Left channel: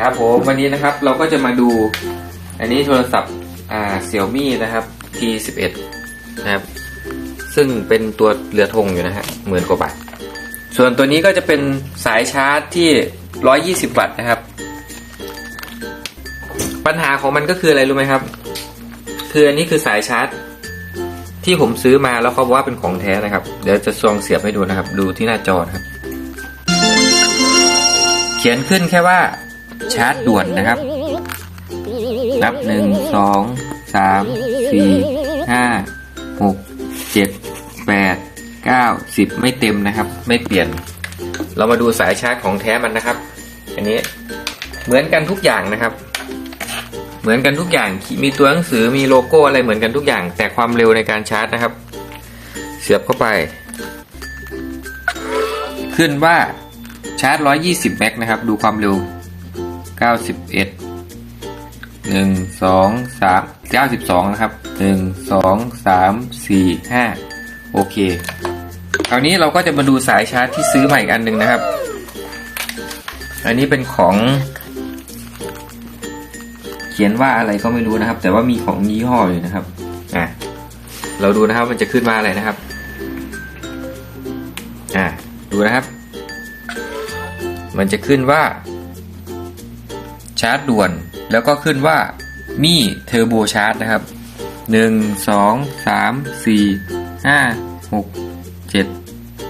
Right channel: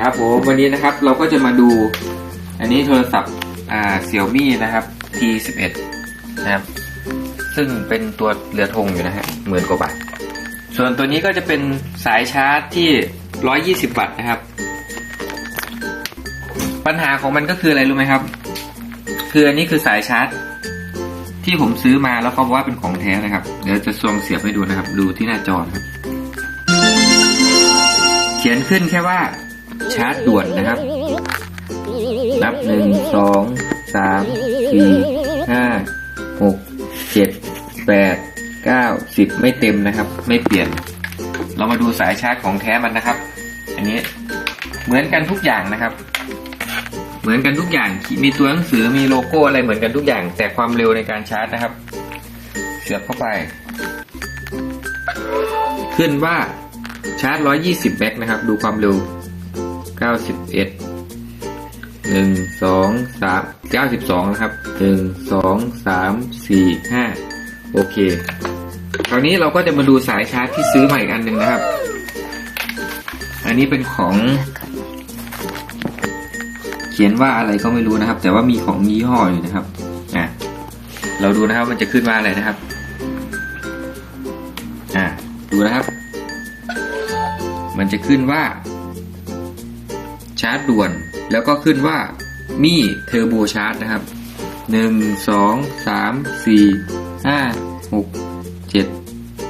ครับผมวันนี้นะครับเราก็จะมาดู อันนี้โทรศัพท์อ่าเซี่ยมี่นะครับ T11 นะครับ ซึ่งเป็นตัวเรือธงอยู่นะฮะหมื่นกว่าบาท ส่วนตัวนี้ก็จะเป็นสายชาร์จที่ 120 วัตต์นะครับ ปัญหาของมันก็คืออะไรรู้ไหมครับ คืออันนี้คือสายชาร์จ ที่ผมซื้อมาแล้วเขาบอกว่าเป็นของแท้นะครับ เดี๋ยวจะซองเสียบให้ดูนะครับ ดูที่หน้าจอนะครับ เขียนขึ้นแค่ว่าชาร์จด่วนนะครับ นับหนึ่งสองสามสี่ห้าหกเจ็ดแปดเก้าสิบไม่เต็มนะครับ ไม่เปลี่ยน เรามาดูสายชาร์จของแท้มันนะครับ อันนี้เหมือนกันทุกอย่างนะครับ เหมือนกันทุกอย่างมีตัวหนังสือมีโลโก้อะไรเหมือนกันทุกอย่าง แต่ความเร็วในการชาร์จนะครับ เสียบเข้าไป ขึ้นว่าชาร์จ 120 แม็กนะครับ ดูความเร็ว 91หนึ่งสองสามเก้าสิบสองนะครับหนึ่งสองสามสี่ห้าโอเค คราวนี้เราก็จะมาดูสายชาร์จที่ซื้อมาอีกอันหนึ่งนะครับ อันนี้เป็นของ ขียนว่าอะไรก็ไม่รู้นะครับ แต่ว่ามีของยี่ห้ออยู่นะครับอะเราดูนะครับมันจะขึ้นมาอะไรนะครับอะดูนะครับ มันจะขึ้นว่า ชาร์จด่วน แล้วก็ขึ้นว่ามี่เทอร์โบชาร์จนะครับหนึ่งสองสามสี่ห้าหกเจ็ด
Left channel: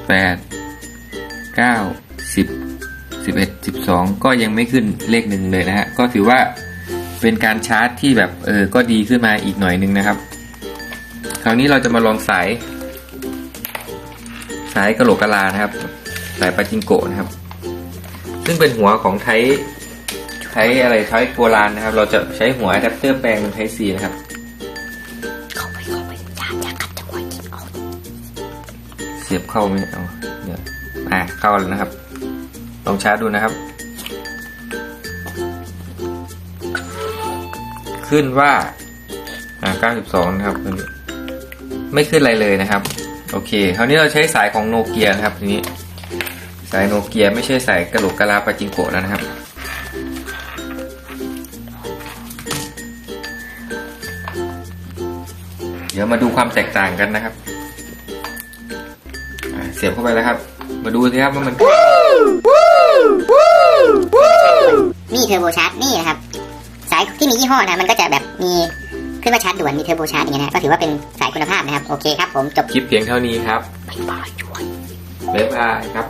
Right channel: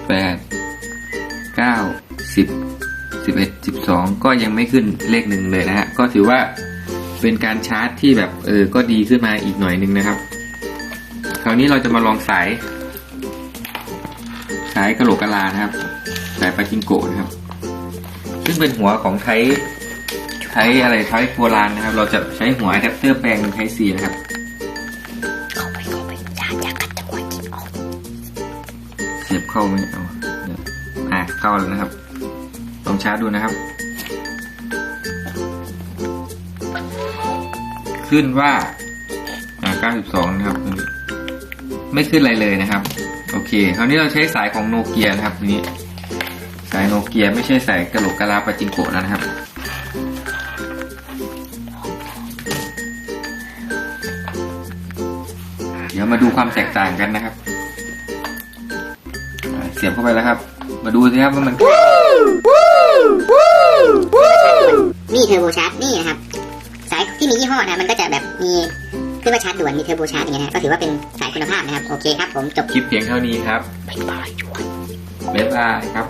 แปดเก้าสิบสิบเอ็ดสิบสองก็ยังไม่ขึ้นเลขหนึ่งเลยนะฮะก็ถือว่า เป็นการชาร์จที่แบบเออก็ดีขึ้นมาอีกหน่อยหนึงนะครับ คราวนี้เราจะมาลองสาย สายกระโหลกกะลานะครับ สายปาจิงโกะนะครับ ซึ่งเป็นหัวของไทยใช้อะไรใช้โบราณนะครับ เราจะใช้หัวอะแดปเตอร์แปลงเป็นไทซีนะครับเข้าไปเข้าไปอย่าอย่าขัดจังหวะกินเอาเสียบเข้าไหมเอาเดี๋ยวอะเข้าแล้วนะครับ ลองชาร์จดูนะครับ ขึ้นว่าอ่า92นะครับไม่ขึ้นอะไรเลยนะครับ โอเค คราวนี้เราใช้สายของโนเกียนะครับทีนี้ สายโนเกียไม่ใช่สายกระโหลกกะลาปาจิงโกะแล้วนะครับเดี๋ยวมาดูความแตกต่างกันนะครับ เสียบเข้าไปแล้วครับ มาดูสิครับว่ามัน นี่เทอร์โบชาร์จนี่นะครับ ยที่มียี่ห้อนะมันก็จะแบบมีขึ้นว่าชาร์จด่วนมีเทอร์โบชาร์จอย่างเงี้ยนะก็ถือว่าเป็นสายคุณภาพนะครับ โอเคครับผมจบคลิปเพียงเท่านี้ครับบ๊ายบายช่วยบ๊ายบายครับ